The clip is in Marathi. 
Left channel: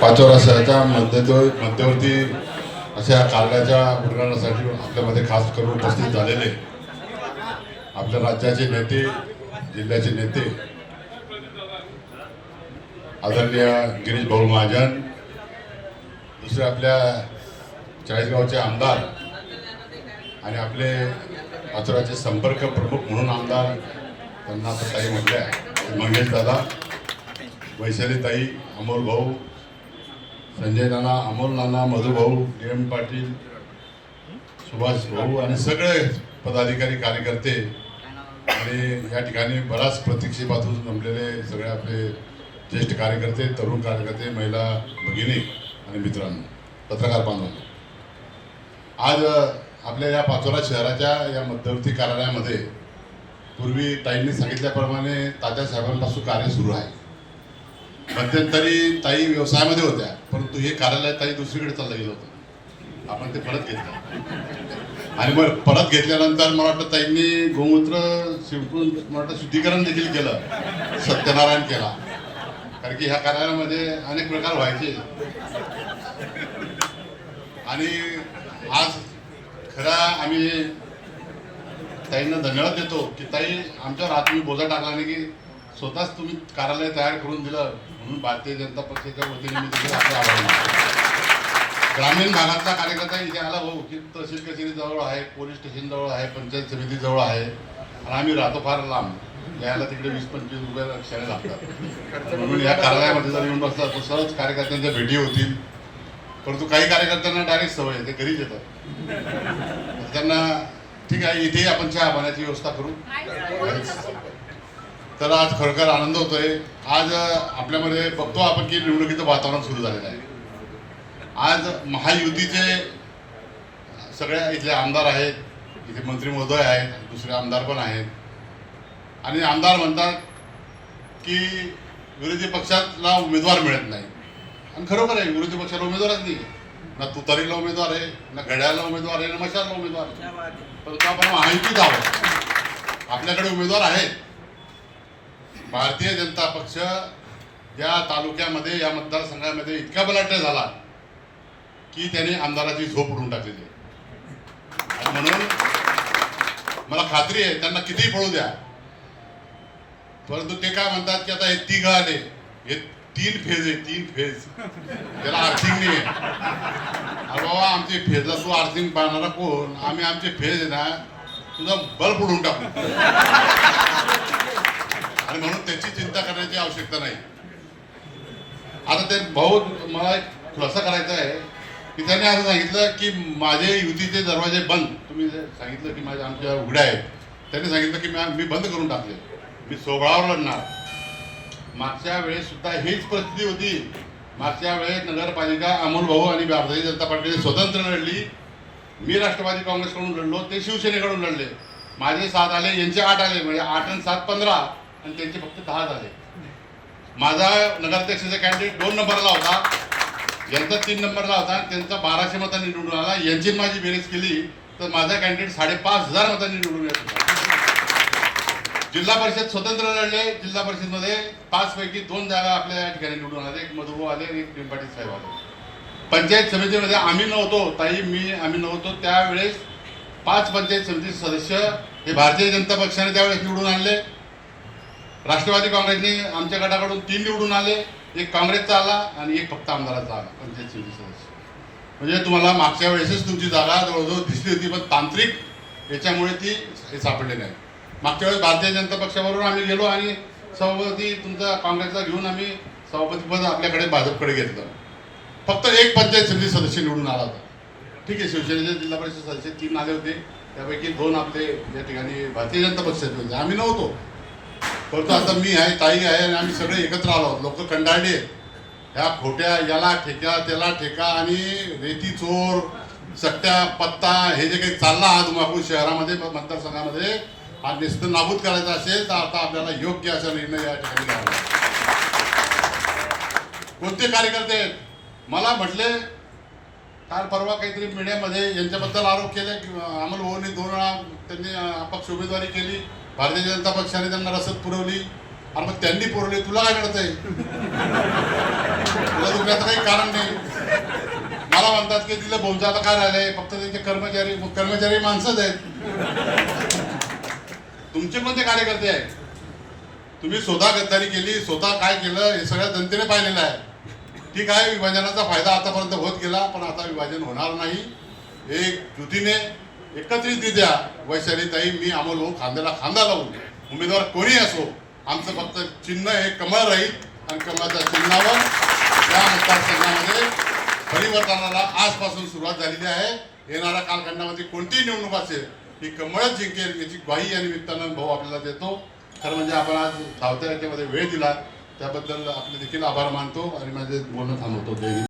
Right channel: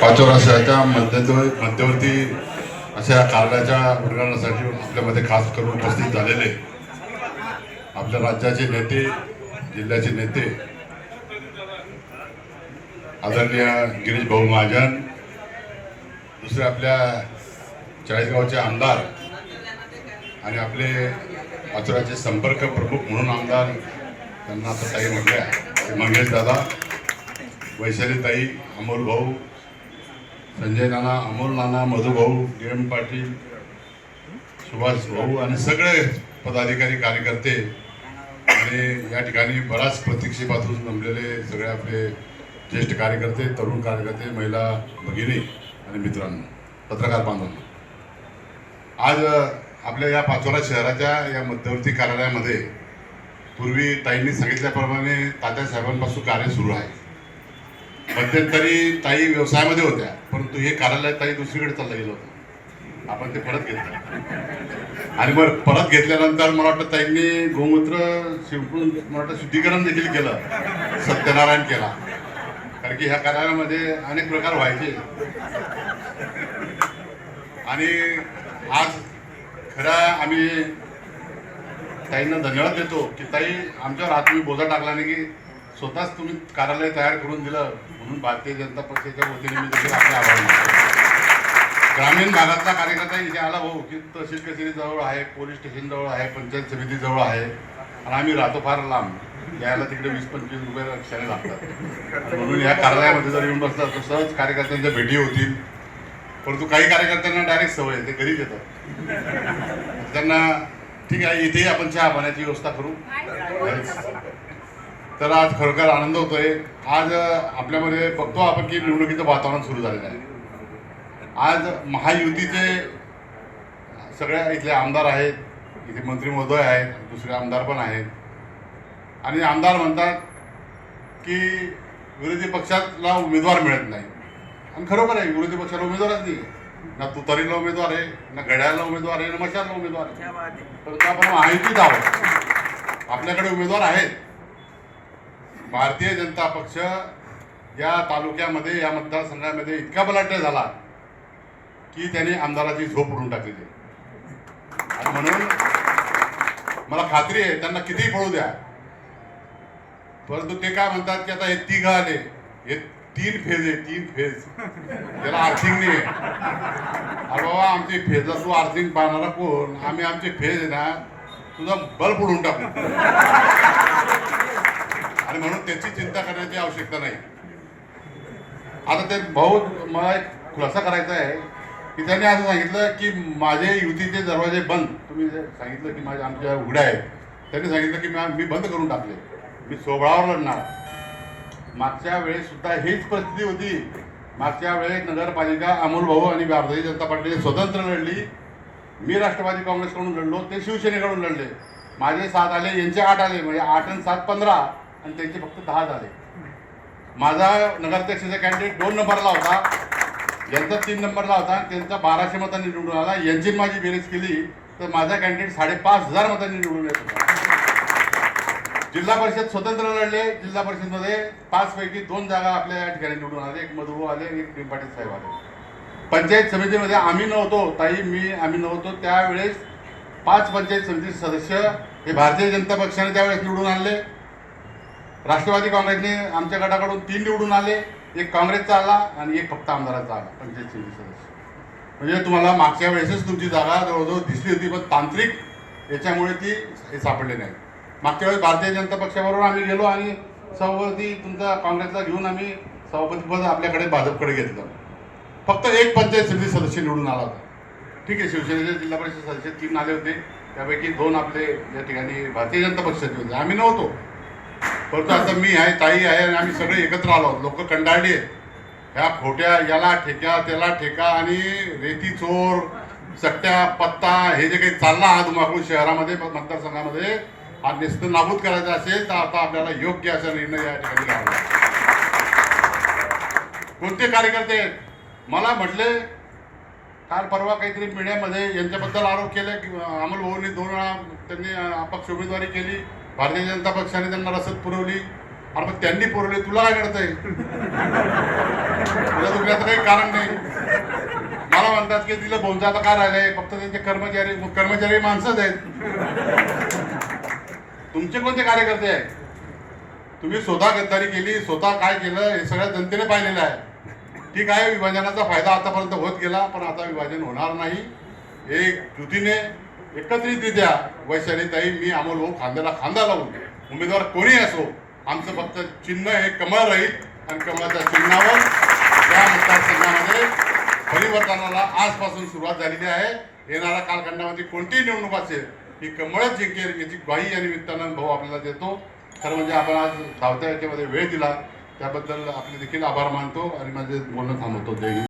पाचोरा शहराच्या मध्यवर्ती मध्यवर्ती अशा कार्याच्या उद्घाटनासाठी आपल्यामध्ये खास करून उपस्थित झालेले आपल्या राज्याचे नेते जिल्ह्याचे नेते आदरणीय गिरीश भाऊ महाजन दुसरे आपल्या चाळीसगावचे आमदार आणि आपले पाचोराचे संपर्क प्रमुख म्हणून आमदार त्यांना आता ताई म्हटल्या मंगेश दादा वैशाली ताई अमोल भाऊ संजय नाना अमोल नाना मधुभाऊ किरण पाटील सुभाष भाऊ आणि सगळे पदाधिकारी कार्यकर्ते आणि या ठिकाणी बराच प्रतीक्षेपासून जमलेले सगळे आपले ज्येष्ठ कार्यकर्ते तरुण कार्यकर्ते महिला भगिनी आणि मित्रांनो पत्रकार बांधवांनो. आज आपल्या या पाचोरा शहराच्या या मध्यवर्ती कार्यालयामध्ये पूर्वी ताईंनी सांगितल्याप्रमाणे तात्यासाहेबांपासून कार्य सुरू आहे. मध्यंतरी ताई व्यवसायामध्ये होत्या. परंतु हे कार्यालय ताई दुसरीकडे चाललं गेलं होतं. आपण ते परत घेतलं. आणि मग परत घेतल्यानंतर मला वाटतं ताईंनी गोमूत्र शिंपडून मला वाटतं शुद्धीकरण देखील केलं. सत्यनारायण केला. कारण की ह्या कार्यालयामध्ये अनेक प्रकार व्हायचे. आणि आज खरं आम्ही ताईंना धन्यवाद देतो की ताई आमच्यावर हात तुम्ही बोजा टाकला नाही की स्वतःच तुम्ही कार्यालय तयार करून दिलं म्हणून भारतीय जनता पक्षाच्या वतीने मी देखील आपला आभार मानतो ग्रामीण भागातला कार्यकर्ता इथे आला भाऊ की तहसील कचेरी जवळ आहे पोलीस स्टेशन जवळ आहे पंचायत समिती जवळ आहे. आणि आम्ही राहतो फार लांब. यायला तिकडे वीस पंचवीस रुपये लक्षाने लागतात. म्हणून या कार्यालयामध्ये जर येऊन बसतात तर सहज कार्यकर्त्यांच्या भेटी होतील. परंतु काही कार्यकर्त्यांना डायरेक्ट सवय आहे, ते घरीच येतात. त्यांना ठीक आहे इथेही आपण चहा पाण्याची व्यवस्था करू. तर आज खरोखर आनंद होतोय. आज आपल्यामध्ये बघतो आपण की निवडणुकीचं वातावरण सुरू झालेलं आहे. आज महायुतीचे सगळ्या इथले आमदार आहेत इथे मंत्री महोदय आहेत दुसरे आमदार पण आहेत. आणि आमदार म्हणतात की विरोधी पक्षाला उमेदवार मिळत नाही. आणि खरोखर आहे विरोधी पक्षाला उमेदवारच नाही ना तुतारीला उमेदवार आहे ना घड्याळाला उमेदवार आहे ना मशाला उमेदवार आहे. परंतु आपण महायुतीत आहोत. आपल्याकडे उमेदवार आहेत. भारतीय जनता पक्ष या तालुक्यामध्ये या मतदारसंघामध्ये इतका बलाढ्य झाला की त्याने आमदाराची झोप उडून टाकलेली आहे. म्हणून मला खात्री आहे त्यांना कितीही पळू द्या. परंतु ते काय म्हणतात की आता हे तिघ आले हे तीन फेज आहे तीन फेज. त्याला आर्थिंग नाही अरे बाबा आमची फेजला तू आर्थिंग पाहणारा कोण? आम्ही आमचे फेज आहे ना तुझा बल्ब उडून टाकू. त्याची चिंता करण्याची आवश्यकता नाही. आता ते भाऊ मला एक खुलासा करायचा आहे की त्यांनी असं सांगितलं की माझे युतीचे दरवाजे बंद. तुम्ही सांगितलं की माझ्या आमच्या उघड्या आहेत. त्यांनी सांगितलं की मी मी बंद करून टाकले. मी सोहळावर लढणार. मागच्या वेळेस सुद्धा हीच परिस्थिती होती. मागच्या वेळेस नगरपालिका अमोल भाऊ आणि भारतीय जनता पार्टीने स्वतंत्र लढली. मी राष्ट्रवादी काँग्रेसकडून लढलो ते शिवसेनेकडून लढले. माझे सात आले यांचे आठ आले. म्हणजे आठ आणि सात पंधरा. आणि त्यांचे फक्त दहा झाले. माझा नगराध्यक्षाचा कॅन्डिडेट दोन नंबरला होता. यांचा तीन नंबरला होता. आणि त्यांचा बाराशे मतांनी निवडून आला. यांची माझी बेरीज केली तर माझा कॅन्डिडेट साडेपाच हजार मतांनी निवडून येत होता. जिल्हा परिषद स्वतंत्र लढले. जिल्हा परिषदमध्ये पाच पैकी दोन जागा आपल्या या ठिकाणी निवडून आले. एक मधुभाऊ आले आणि एक पिंपाटी साहेब आले. पंचायत समितीमध्ये आम्ही नव्हतो. ताई मी आम्ही नव्हतो. त्यावेळेस पाच पंचायत समिती सदस्य हे भारतीय जनता पक्षाने त्यावेळेस निवडून आणले. राष्ट्रवादी काँग्रेसने आमच्या गटाकडून तीन निवडून आले एक काँग्रेसचा आला आणि एक फक्त आमदाराचा आला पंचायत समिती सदस्य. म्हणजे तुम्हाला मागच्या वेळेसच तुमची जागा जवळजवळ दिसली होती पण तांत्रिक याच्यामुळे ती हे नाही. मागच्या वेळेस भारतीय जनता पक्षाबरोबर आम्ही गेलो आणि सभापती तुमचा काँग्रेसचा घेऊन आम्ही सभापतीपद आपल्याकडे भाजपकडे घेतलं. फक्त एक पंचायत समिती सदस्य निवडून आला होता. ठीक आहे शिवसेनेचे जिल्हा परिषद सदस्य तीन आले होते. त्यापैकी दोन आपले या ठिकाणी भारतीय जनता पक्षाचे होते. आम्ही नव्हतो. परंतु आता मी आहे ताई आहे आणि आम्ही सगळे एकत्र आलो लोक कंडाळले आहेत. ह्या खोट्या याला ठेका त्याला ठेका आणि रेती चोर सट्ट्या पत्ता हे जे काही चालला हा धुमाकूळ शहरामध्ये मतदारसंघामध्ये हा निस्त नाबूद करायचा असेल तर आता आपल्याला योग्य असा निर्णय या ठिकाणी घ्यावा कोणते कार्यकर्ते मला म्हटले काल परवा काहीतरी मीडियामध्ये यांच्याबद्दल आरोप केले की अमोल भाऊंनी दोन वेळा त्यांनी अपक्ष उमेदवारी केली. भारतीय जनता पक्षाने त्यांना रसद पुरवली. आणि मग त्यांनी पुरवली तुला काय आहे तुला दुखण्याचं काही कारण नाही. मला म्हणतात की तिला बोलता काय राहिलंय फक्त त्यांचे कर्मचारी कर्मचारी माणसंच आहेत. तुमचे कोणते कार्यकर्ते आहेत? तुम्ही स्वतः गद्दारी केली स्वतः काय केलं हे सगळ्या जनतेने पाहिलेलं आहे. ठीक आहे विभाजनाचा फायदा आतापर्यंत होत गेला पण आता विभाजन होणार नाही. एक कृतीने एकत्रितरित्या वैशालीताई मी अमोल खांद्याला खांदा लावून. उमेदवार कोणी असो आमचं फक्त चिन्ह हे कमळ राहील. आणि कमळाच्या चिन्हावर या मतदारसंघामध्ये परिवर्तनाला आजपासून सुरुवात झालेली आहे. येणाऱ्या कालखंडामध्ये कोणतीही निवडणूक असेल ही कमळच जिंकेल याची ग्वाही या निमित्तानं भाऊ आपल्याला देतो. खरं म्हणजे आपण आज धावत्या याच्यामध्ये वेळ दिला त्याबद्दल आपले देखील आभार मानतो आणि माझे बोलणं थांबवतो. जय